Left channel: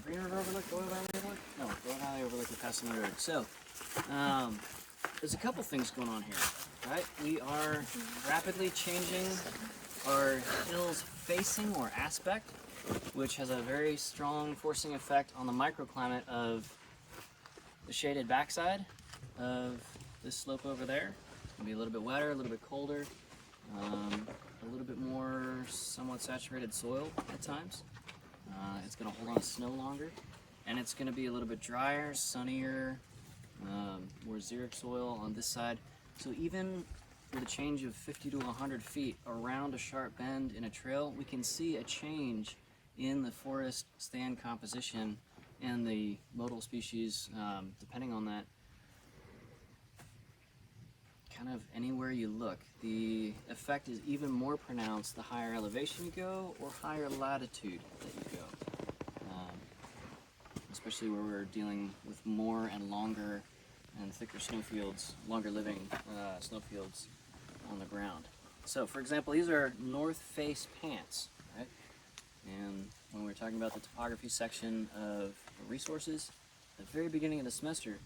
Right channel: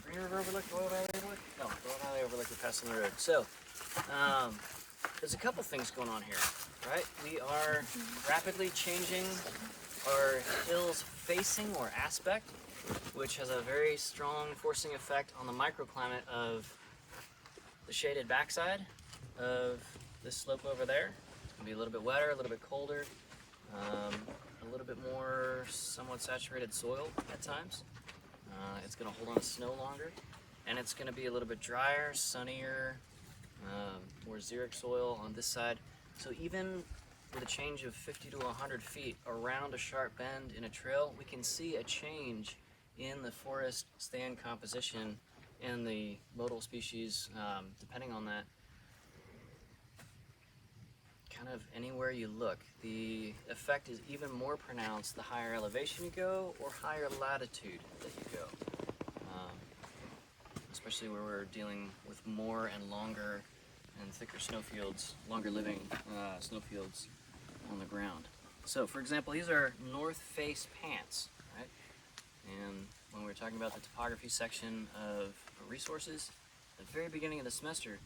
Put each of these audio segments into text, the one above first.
Green River Overlook, Doyle Valley Overlook? No, Doyle Valley Overlook, we're passing the road. So, there's a couple things going on here, right? We are rapidly changing our hill's facing or aspect, which has a very strong forcing effect on the microclimate of the shaded backside of this slope over there. It's going to be a little bit wetter, a little bit colder, a little bit more somewhat saturated soil at times. It's going to hold on to snow longer, and it's going to be a little bit drier, sunnier, more xeric soil on this side. So even with a change of 50 to 100 feet around a sharp bend in a trail, we can see a change in the forest stand composition and the modal species, depending on that. Kind of anywhere you look, the effect is even more pronounced the higher elevation you go or higher latitude that you go. Especially where we're dealing with more and longer and thicker snowfields, longer living snowfields on the ground. So for example, these are north face pants, right? And when we're talking about the topography section of resources, at the very beginning of the semester,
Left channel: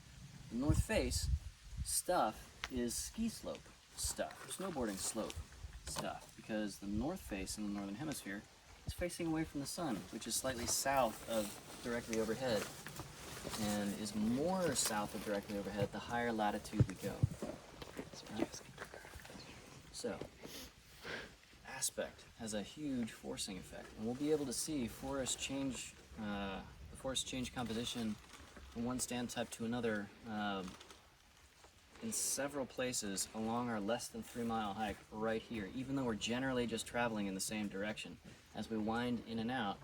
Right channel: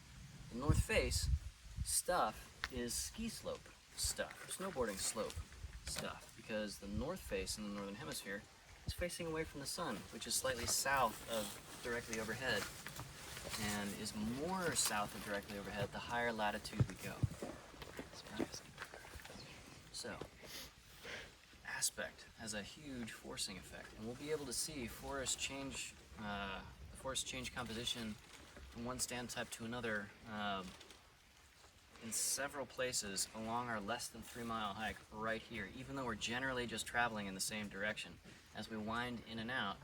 the north face stuff is ski slope stuff, or snowboarding slope stuff, because the north face in the northern hemisphere is facing away from the sun, which is slightly south of directly overhead, and is more south of directly overhead the higher latitude we go. Right? So, aspect has a huge forcing effect, and we'll be able to see forest change, the forest change composition from one stand type to another in several places along our less than 3 mile hike right here, even though we're generally just traveling in the same direction. As we wind in and out,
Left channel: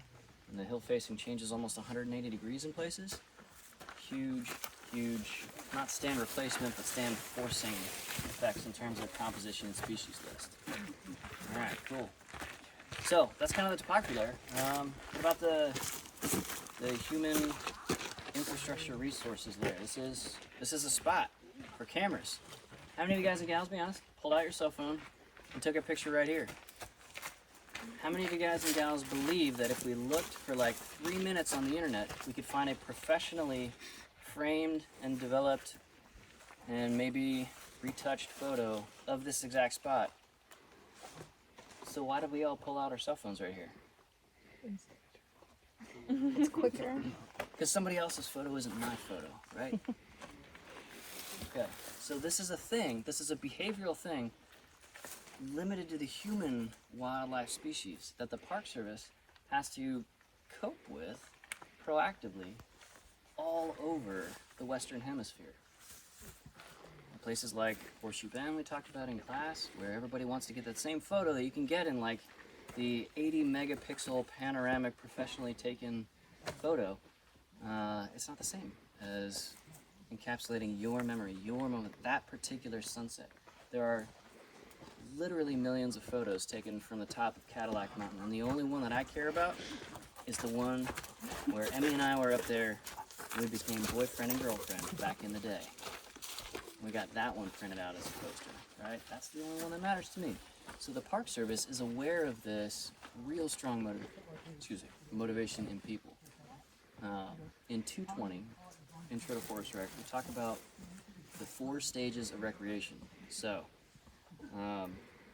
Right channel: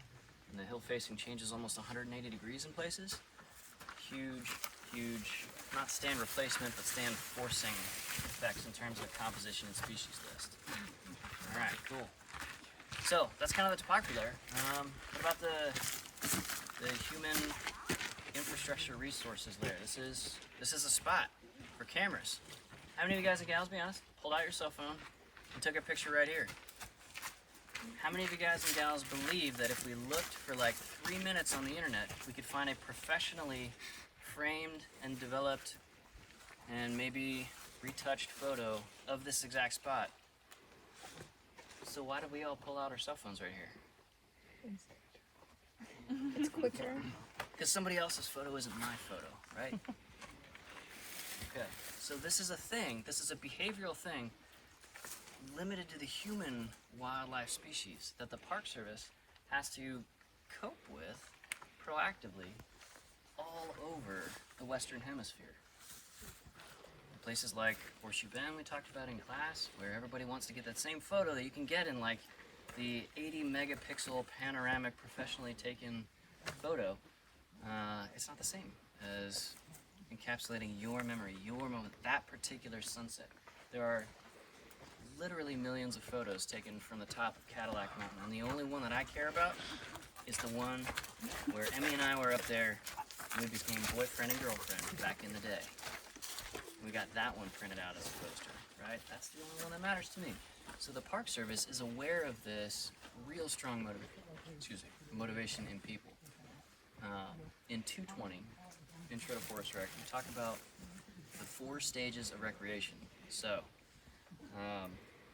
and the hill facing changes almost 180 degrees in places, huge, not stand replacement, but stand forcing effects in terms of composition and species list. All right, cool. So that's kind of the topography layer. What about the human infrastructure resources layer? This is a spot for cameras. How many of you guys and gals, be honest, pulled out your cell phone and took a picture right here? How many of you guys and gals believe that if we looked for like 3 minutes on the internet, we could find a professionally framed and developed and maybe retouched photo of this exact spot? So why did we all pull out our cell phones right here? It's quicker. Because somebody else's photo isn't my photo, right? Okay, so this is a thing, this is a behavioral thing limited to the human wildlife species that the Park Service has to cope with proactively all over the Western Hemisphere. In places like Horseshoe Bend we talked about in class, where everybody wants to get that same photo that you can get in like the 80 megapixel panoramic professionally taken photo. It's not the same as encapsulating your memory, your moment, that particular sunset. There are literally millions of photos taken from the top of Cadillac Mountain, and the only one that I care about is the one where Emmy and I were up there and we became boyfriend and girlfriend back in the day. We got that one printed out as a poster, right? That's the only one that matters to me. So the Park Service is aware of this real strong motivation in people. In 220, Intro to Forest Rec, we talk about the 4 stages of recreation. So,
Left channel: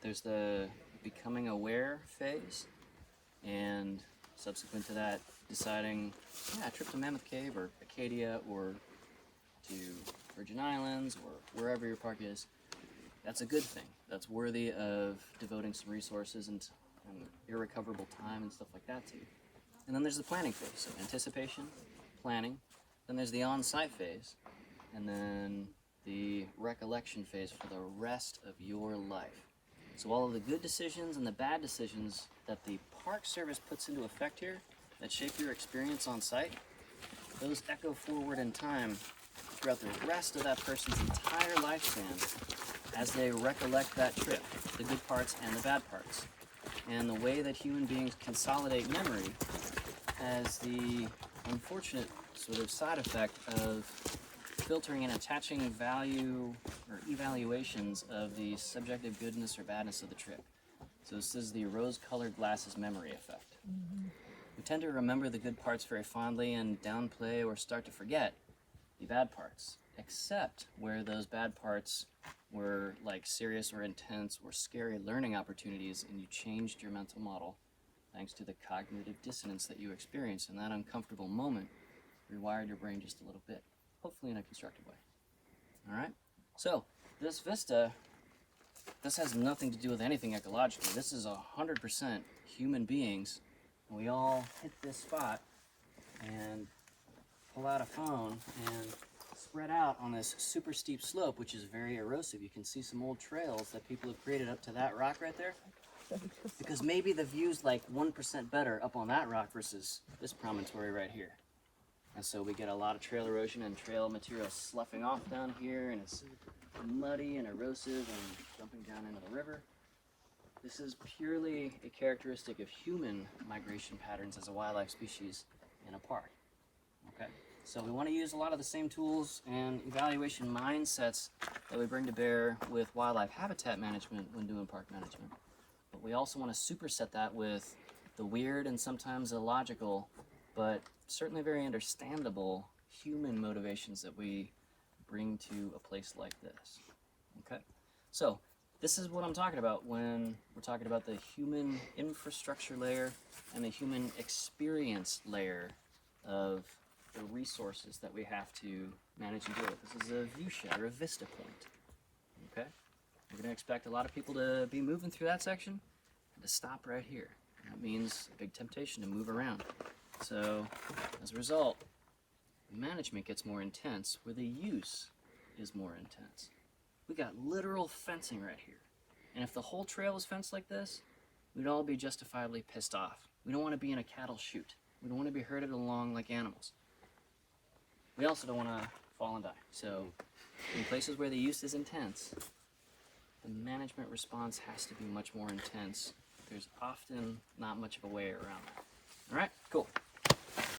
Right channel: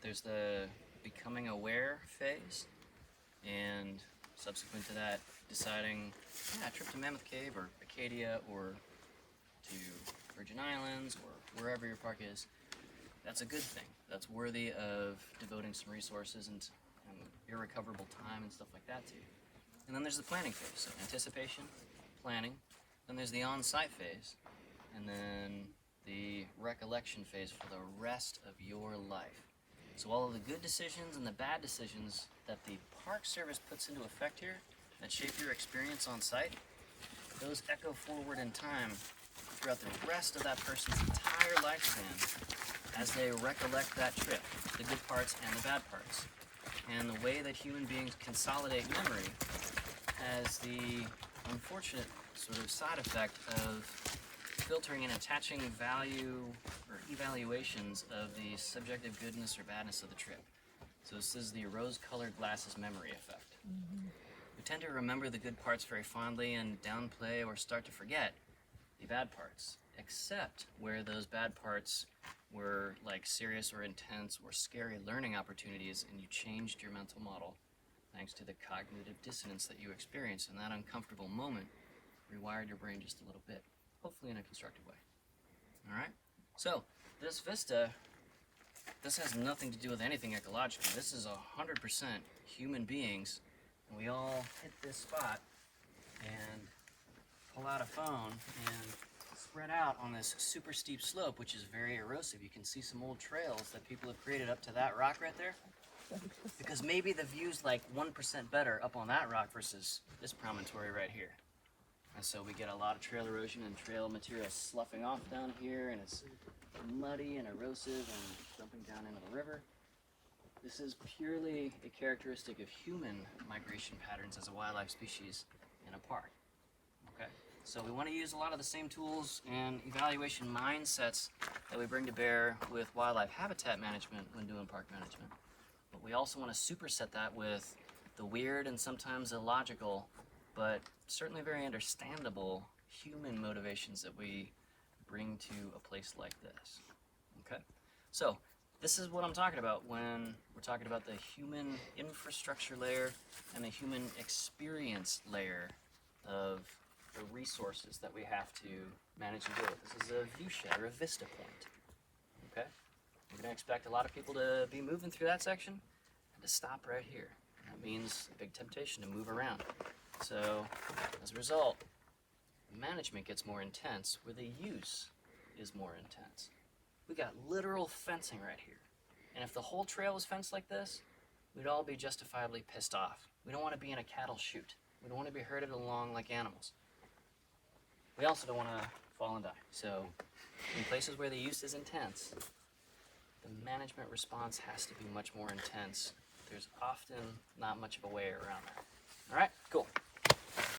there's the becoming aware phase, and subsequent to that, deciding, a trip to Mammoth Cave or Acadia or to Virgin Islands or wherever your park is. That's a good thing. That's worthy of devoting some resources and irrecoverable time and stuff like that to. And then there's the planning phase, so anticipation, planning. Then there's the on-site phase, and then the recollection phase for the rest of your life. So all of the good decisions and the bad decisions that the Park Service puts into effect here that shape your experience on site, those echo forward in time throughout the rest of that person's entire lifespan as they recollect that trip, the good parts and the bad parts. And the way that human beings consolidate memory has the unfortunate sort of side effect of filtering and attaching value or evaluations of the subjective goodness or badness of the trip. So this is the rose-colored glasses memory effect. We've tend to remember the good parts very fondly and downplay or start to forget the bad parts, except where those bad parts were like serious or intense or scary learning opportunities, and you changed your mental model thanks to the cognitive dissonance that you experienced in that uncomfortable moment, rewired your brain just a little bit, hopefully in a constructive way. All right? So, this Vista, this has nothing to do with anything ecologically. This is 100% human beings, and we all hit this spot and pull out a phone and spread out on this super steep slope, which is very erosive. You can see some old trails that people have created up to that rock right there, because maybe the view's like 1% better up on that rock versus this promontory right here. And so we get a lot of trail erosion and trail material sloughing off down here, and it's muddy and erosive and dumping down into the river. This is purely a characteristic of human migration patterns as a wildlife species in a park. Okay, so we want to use a lot of the same tools and evaluation mindsets that we bring to bear with wildlife habitat management when doing park management. But we also want to superset that with the weird and sometimes illogical, but certainly very understandable human motivations that we bring to a place like this. Okay, so this is what I'm talking about when we're talking about the human infrastructure layer and the human experience layer of the resources that we have to manage and deal with. This is a view shed or a vista point. Okay, you're going to expect a lot of people to be moving through that section and to stop right here. That means a big temptation to move around. So as a result, the management gets more intense where the use is more intense. We got literal fencing right here. And if the whole trail was fenced like this, we'd all be justifiably pissed off. We don't want to be in a cattle chute. We don't want to be herded along like animals. We also don't want to fall and die. So in places where the use is intense, the management response has to be much more intense. There's often not much of a way around that. All right, cool.